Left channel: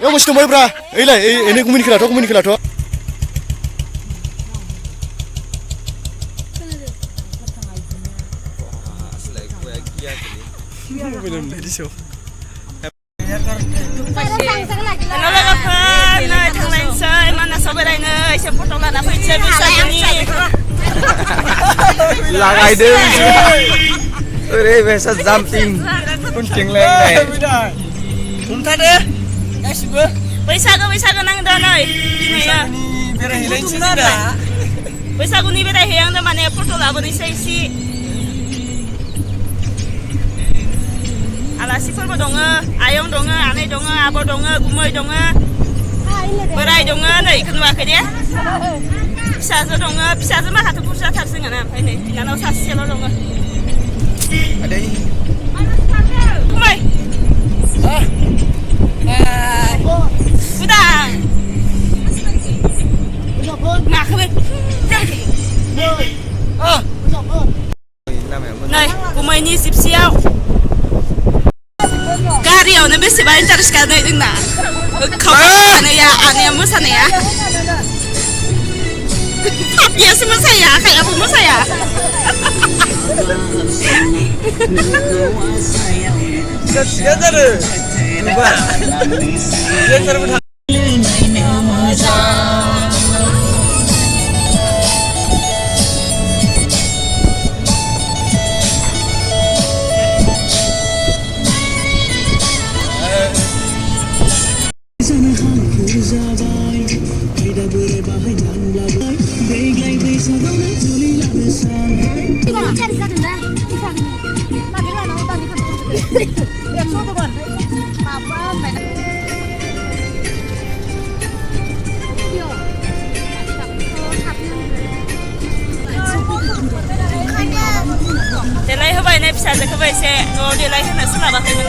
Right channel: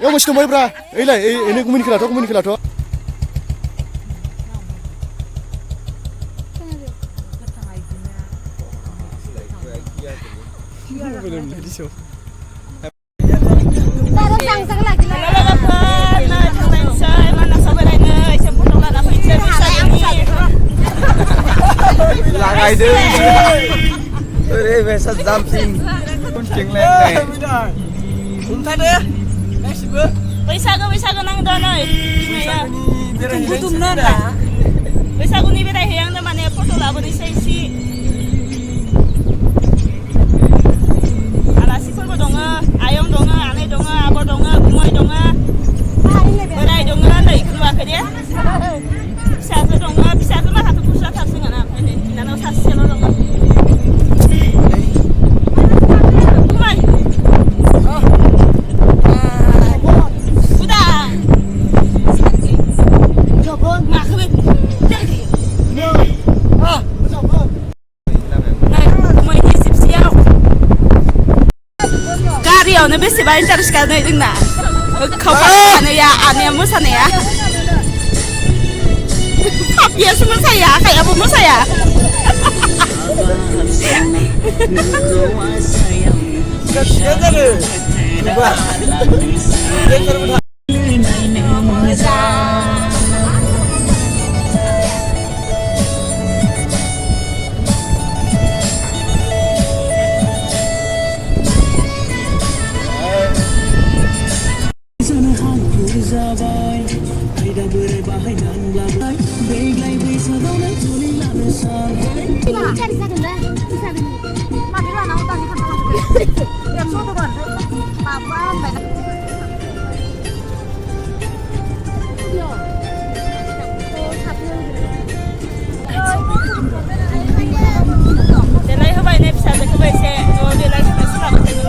Yang mesti mau berapa? Ini kumin kelato. Belum lagi show. Hello logoफोर नै थांलायनोसै मानासाव बेरायनो एसे फट' लाना फैनोसै बैसागुनि Lagai biasa jumping. Kuncing leng. Unta deh. Gaसिबो बैसागु नांदों नै बैसागुनि बेरायहैहांदों माने फट' लाबोनोसै एसे आलासिफोरबो दङ आयं दङ आनै दङ आब' दङ गुमै दङ बोराय दङ नै इखौ नुवाखै दे फिसाजो दङ फिसाजो माखाथ' बुरजाथार जोंहाना ओमफ्राय नै बिनानाव सासेल' दङ गुमै उदां माखौबो नै गुमैनि जिपसियाव गारियावनो बेसेबा इन्टारेस्ट गानो जोंना आनैया मोसानाया बियासो मोसाया आखायाबो मोसाया देलाय होबाय नै फिसाजोखौबो एसे न'आव देलाय होनो सोलाबाखैमोन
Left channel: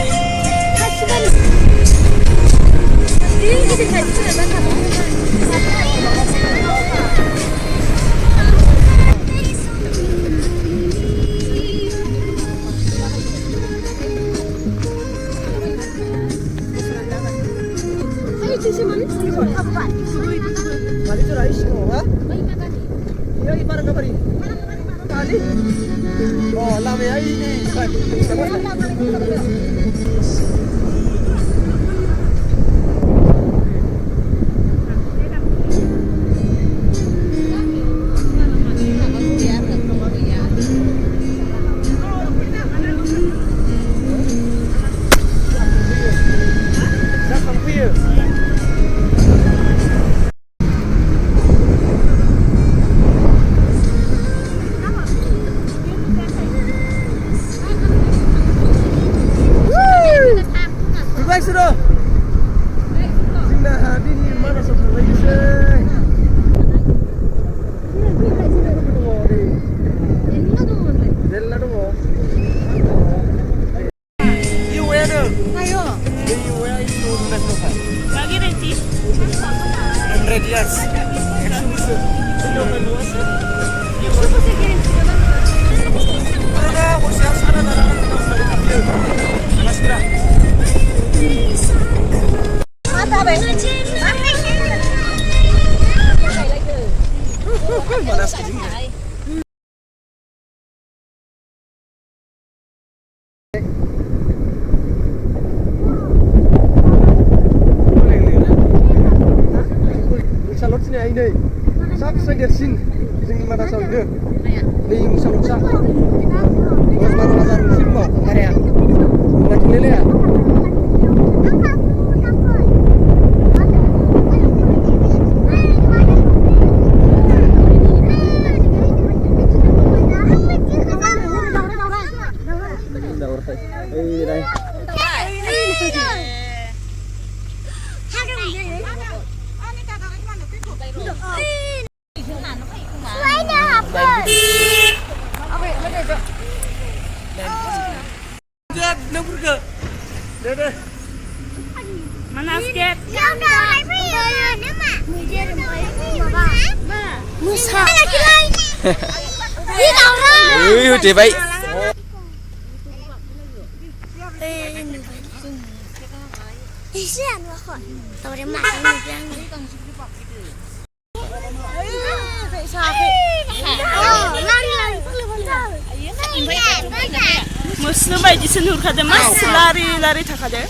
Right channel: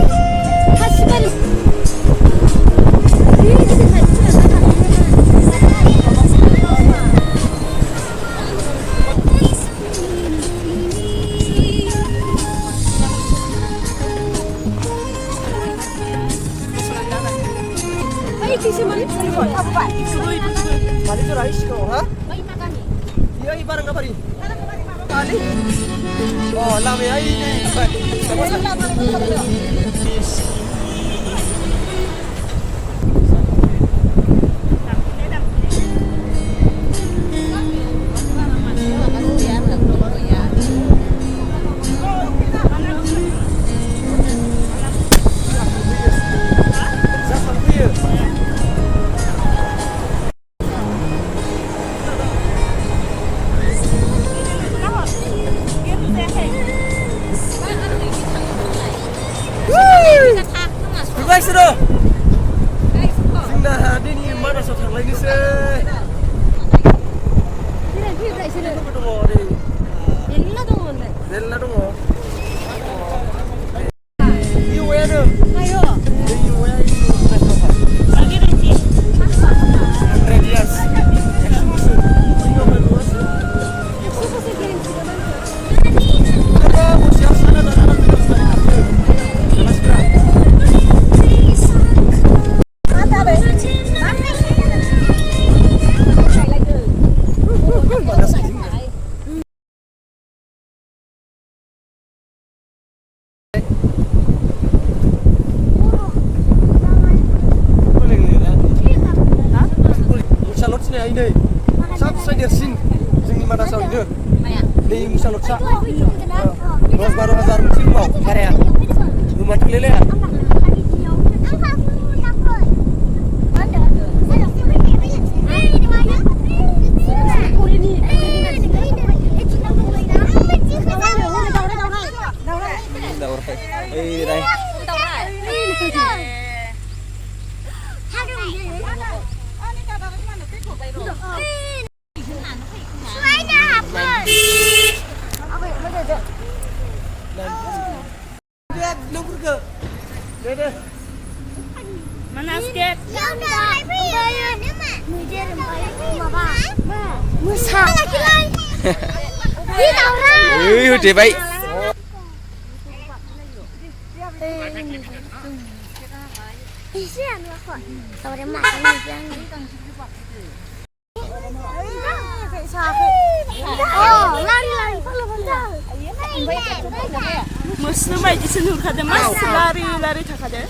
Mana skate? Musa. Musuh baयदिसो नुहुरखादों मास लारि लारि थाखादों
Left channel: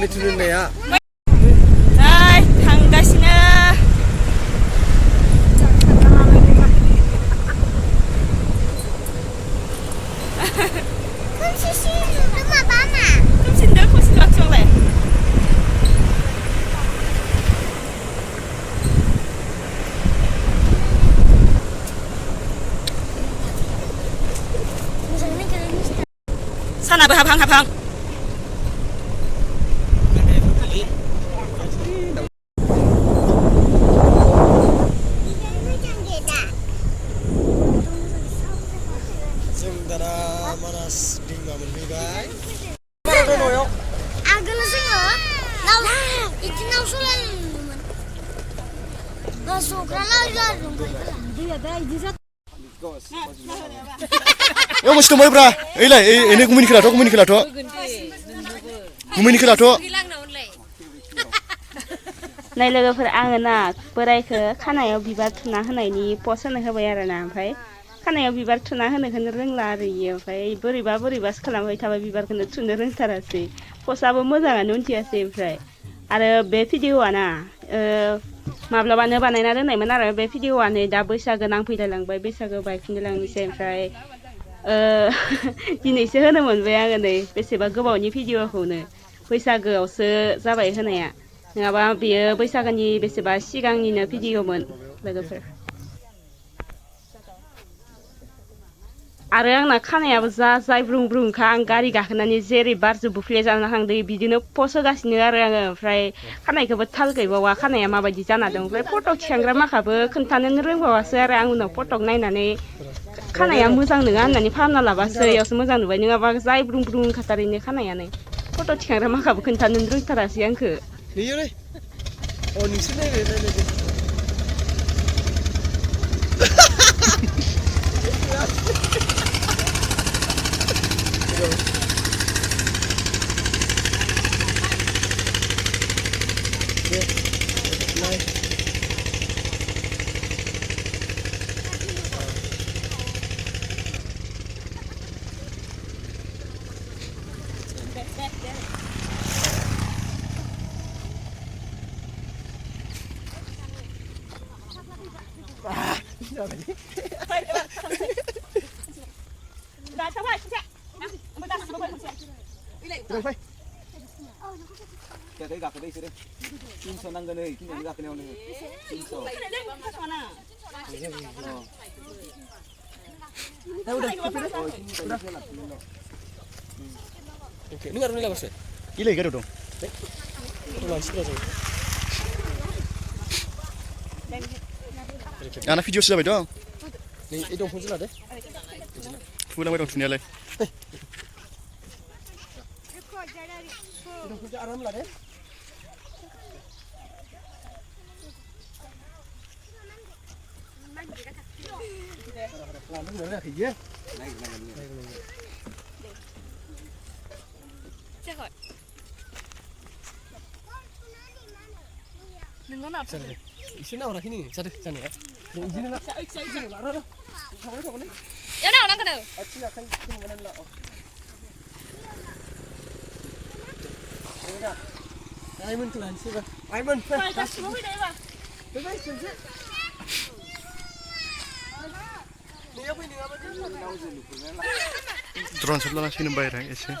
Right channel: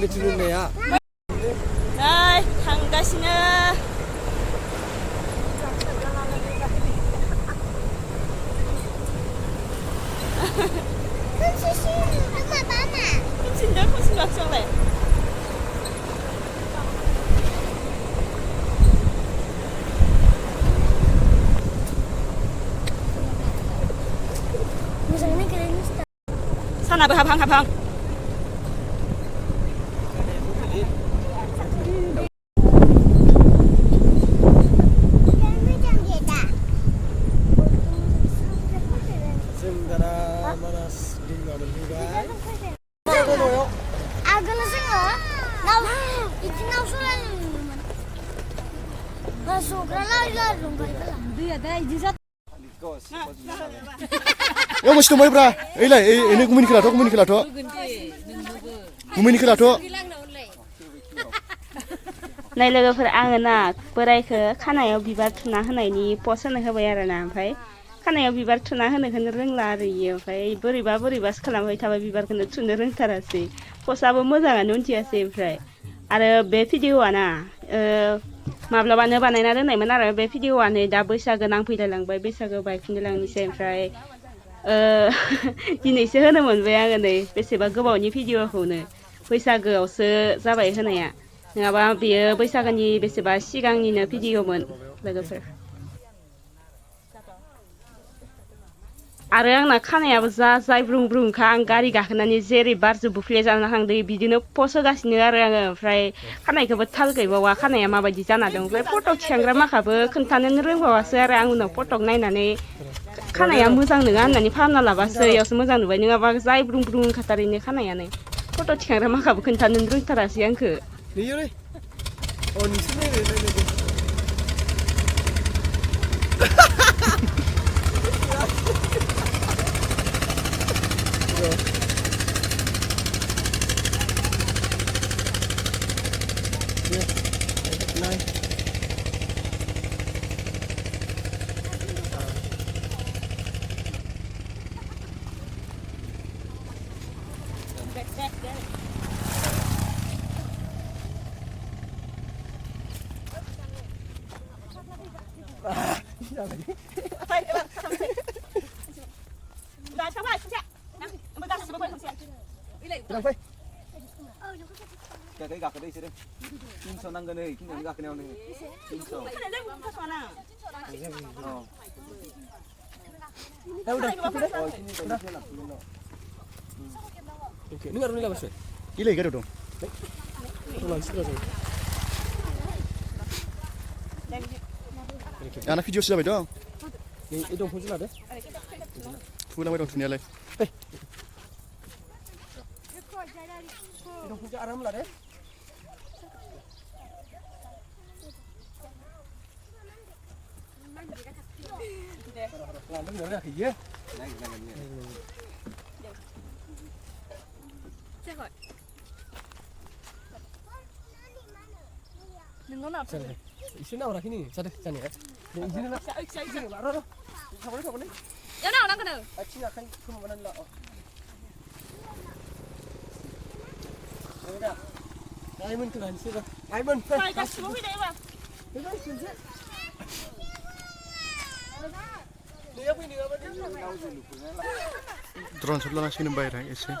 मिथुन होननाया नै थांगासिनो खोमसिनदों खोमसिन लाखिलांलाय सानाबो हाबहां हाबहां जों दाना मानास दैमा मोनहैबाय आगोल जोङो बिदि नाव सलायोमोन नास'फ्रा दैया दा बिदि जादों मस्त दंबायब्रा ओइलाय एनै गुमैनि खोलाथ' गुमैनि खोलाथ' नै लोगोफोर आङो ना बोरायखौ खानायाव बिबार थुना होनायनि पस्ट होनो होबाय आरोना ओमफ्राय खानायाव बिबार थुना होनोखौनो रोंला आरो इयो ओमफ्राय बोरैबासो खालामबाय थाबाय बिबारखौनो थुनो रोंथारासै पस्टआबो मोजाङानो उन्थियासै ओमफ्राय आरो बे भिडिअआ ना माब्लाबानो बानायना दोननायमोन आरो बे भिडिअआ नै दा बैसागो नांफैलायलांबाय बैसागो बायफिनलायलांनोसै ओमफ्राय दिनैसो होनो मोनबाय आङो नै बेसेबा गोबावनि भिडिअखौनो बैसागोआवसो जाबाय होनाया नङाबा बेयो बैसागोनि बेसेबा सिगांनिनो भिडिअमोन लोगोफोर आरो आंना खानायाबो जा जायब्रुं ब्रुंखा आं गारि गाखोनानै जेरै बारजों बुफ्ले जाना थांदों बिदिनो पस्ट होगासिनो आरो आङो ओमफ्राय खानायखौबो थाल गैबावा खानाया माबायदि जाना दं ओमफ्राय फट' थिखांग्रा माखाबो खोन्थानोनो रोंबावासो आरो आं उनाव फटक नायनानै खानाया मोजां नङा होननानै फाहामना लाबासो इयावसो मोजां नुबाय नङाबा जायब्रुं ब्रुं खाथारैनो खानायानो फट' थिखांग्रा माखाबो खोन्थानोनो रोंथारासै आंखो Cái gặp ở đây chứ đây. 300 나가네. 이kin이 가그네오네. 300. 이래 가려도 아나 비디오 쓰자봐요 이 동포 쓰나데? 풀랑바이 동투니야래 이 동포 아람라래? làm nó nữa thì dễ này chết rồi đừng có nào xin nào là cái gì sao đây sao này đừng xin nó sai lại đó không đấy cái nào đang cái này xin là không có nên lọ ai mình tuần xưa ai mình phải cái số cái đấy mà cái xin chứ drone sebelah sini bayar ese.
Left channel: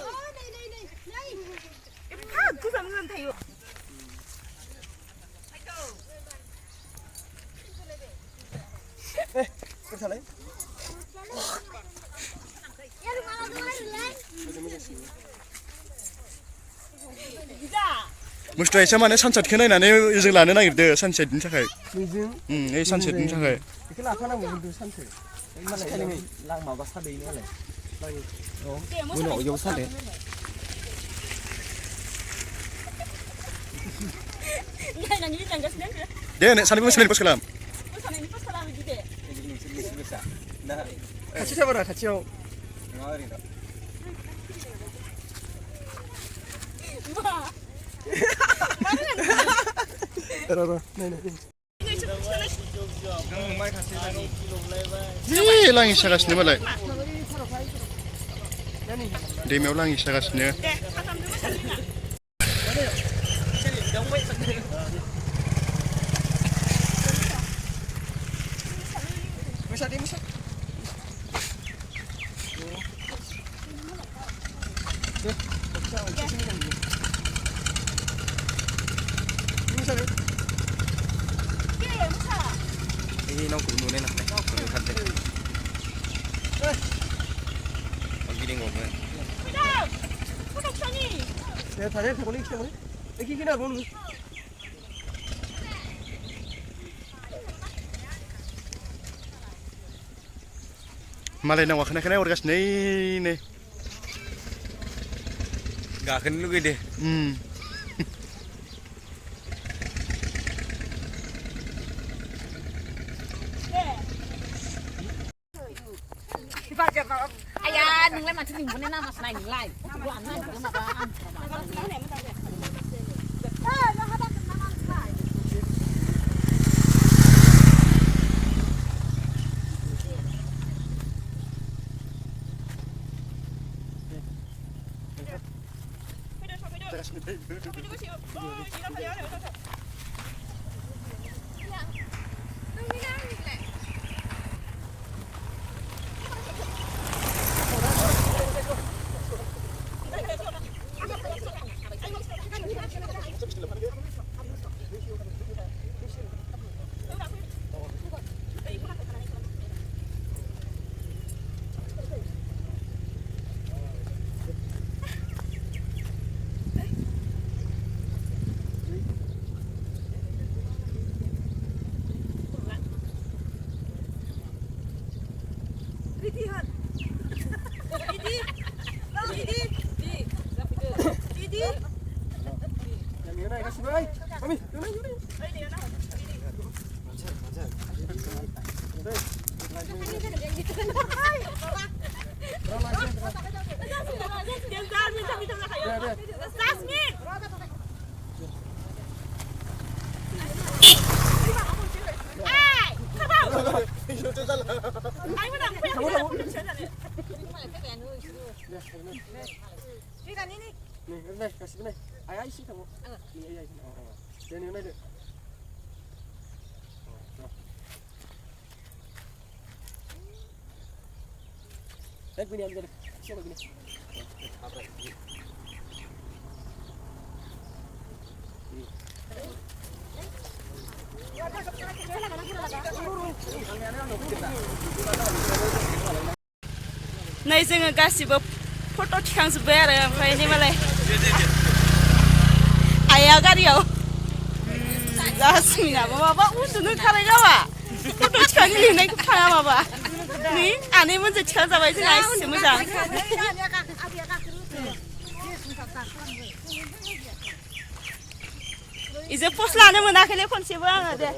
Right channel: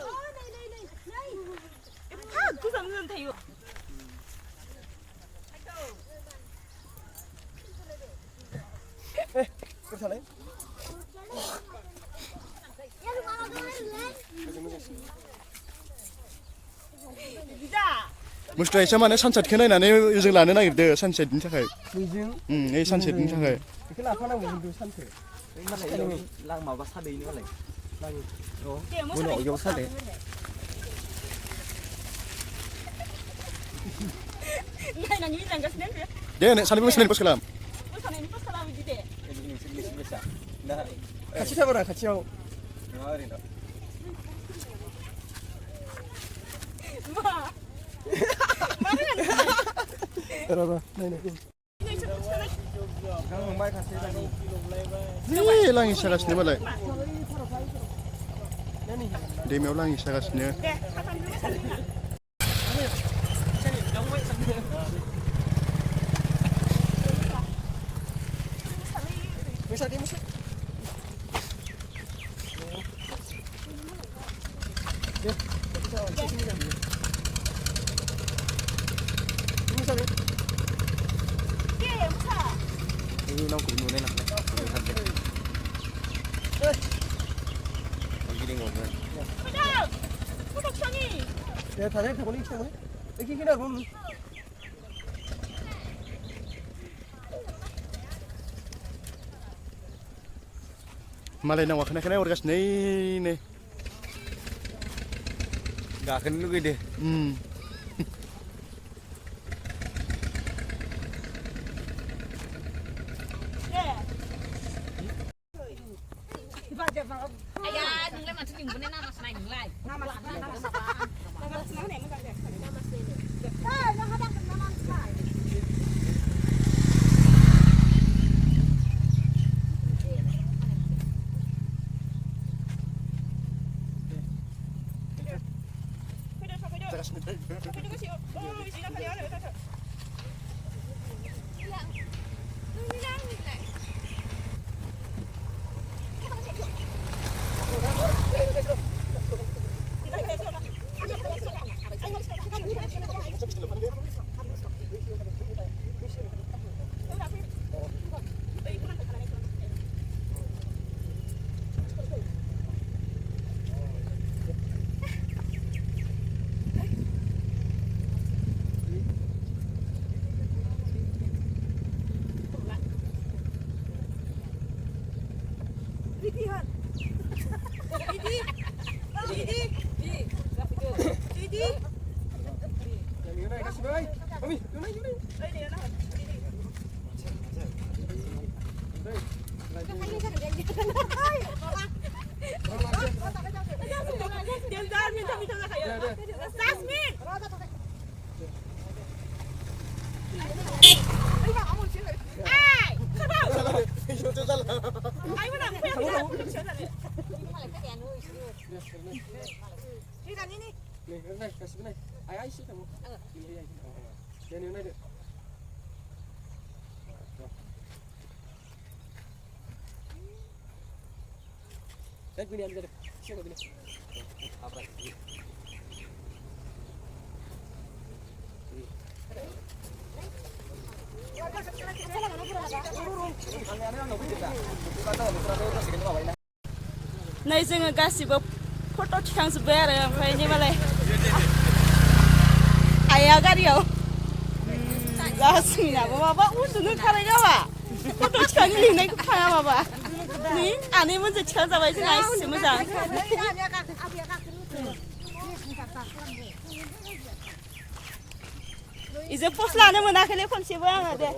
Mesti sama nih sunset kena ini izin lana nih gitu sunset ini cakai. Ini sunset ini cakai. Kita apa namanya itu sunset? Ini lang mau ke sana ini kan? Lagi. Oh, mau jauh sana. Deh, nih sana bisa nih pas kelam. Kasih siapa nak? Kasih yang. Ngawarin tak? जि लाङि सागासिनो मालाय दैमायाव लाङि सागासिनो Ini nong cũng nuôi này nè, nuôi thật đấy. Còn cái đi ngồi vậy. 내가 다리 타고 있지 뭐? 이렇게 그냥 보면 마레나 와카나 카나 오르가스 네네 Gakan lu gede. Ayah, nung lai macam ni, bukan nama senai nung lai. नै जोङो गासिबो फट' थिखांजोब्बाय आरो ओमफ्राय नै मालाय आइया गारियाव जासमिनाबो माबा उन्दुनो ओंखारबाय गावा फट' थिखांनो लिंनायखौ थाङा माबा नै आनैमोनजों थिखांजाबाय जोंना एसे मोजां इजों पस्ट लानो मोनाखैलै खनसेबो आङो दे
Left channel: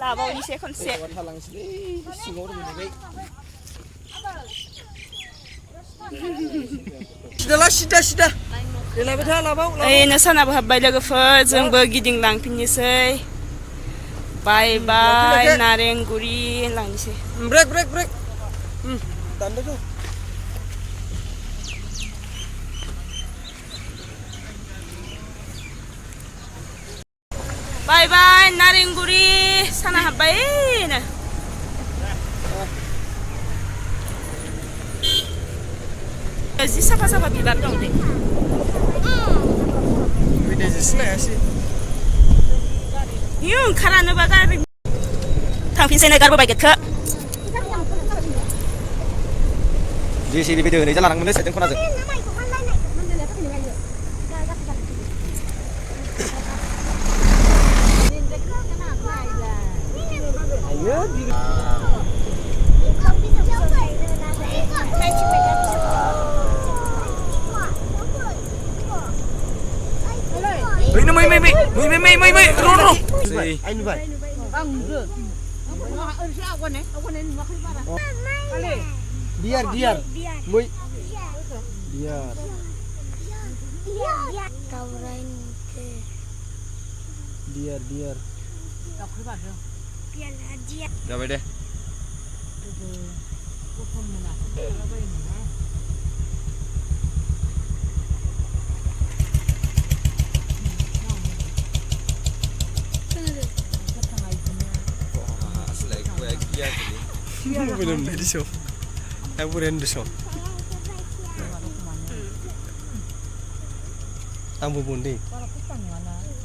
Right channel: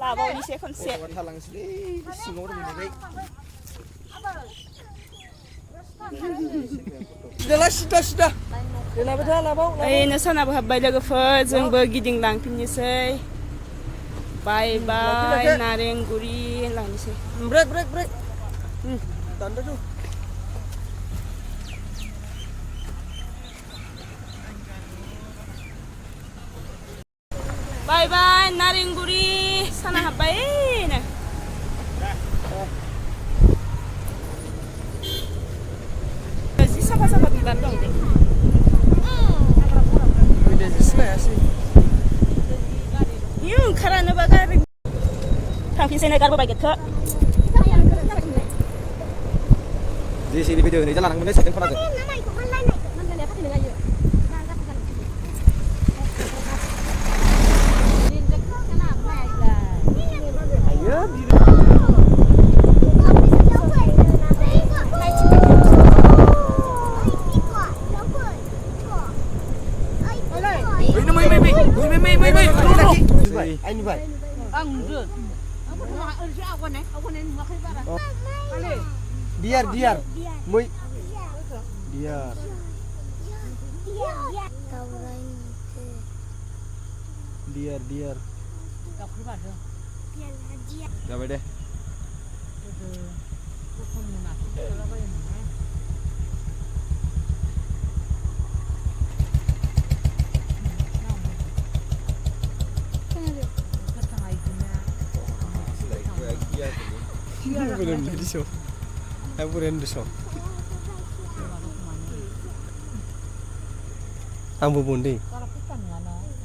लाबावनोसै खनसे सिदा सिदा ओइनो सानाबो हाबबाय लोगोफोर जोंबो गिदिंलांफिननोसै बाय बाय नारेंगुरि लांनोसै ब्रेक ब्रेक ब्रेक दानदो तु बाय बाय नारेंगुरि साना हाबबायनो जि साफा साफा बिबार दं दे इयो ओंखारानोबा गारि थांफिनसैनो गारबोबाय गेटखो JCB bây giờ này chắc là đang muốn sẽ con nào rồi. Mày no. Anh vậy. Biar muy biar जाबाय दे belum di show aku ren di show ang bubundi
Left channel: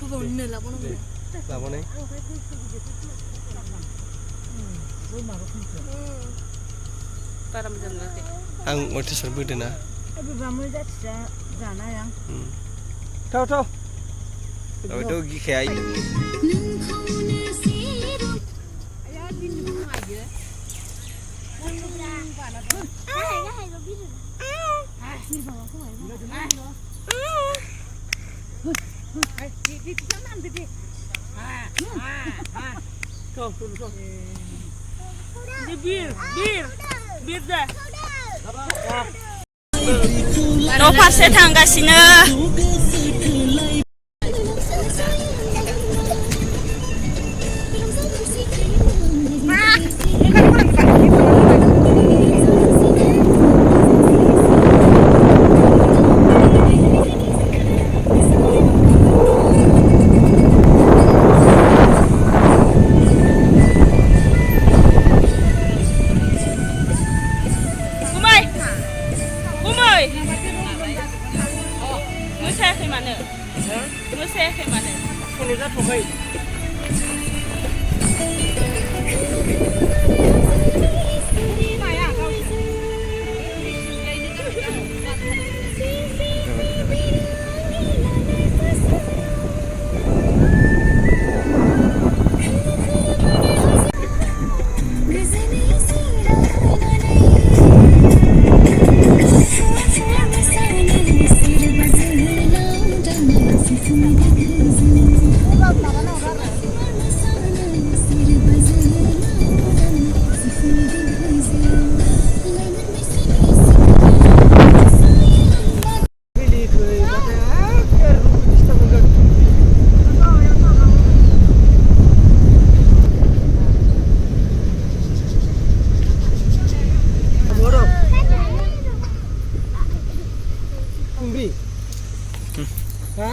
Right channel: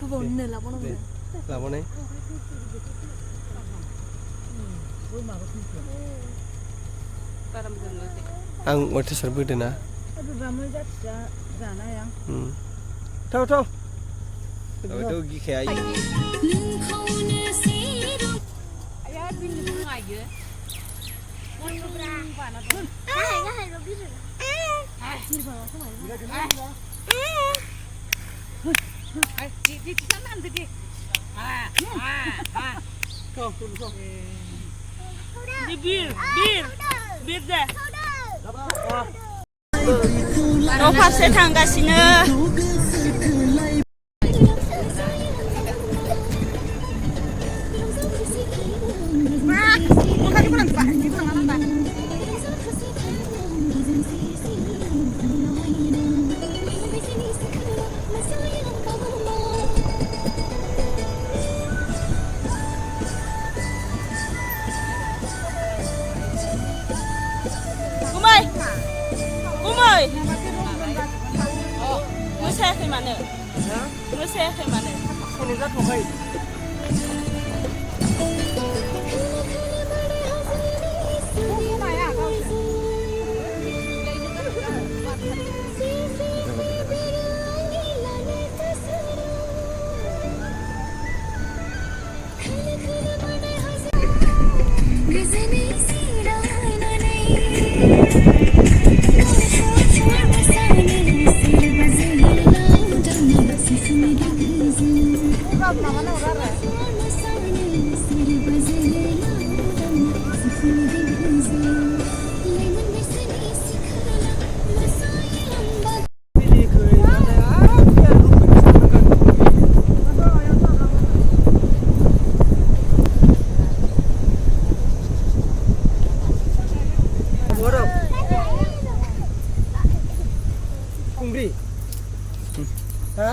bubundi lah pun apa nih ang mau t-shirt beda na tahu tahu itu kayak bir dah. No farse थांगासिनो Gue saya ke mana?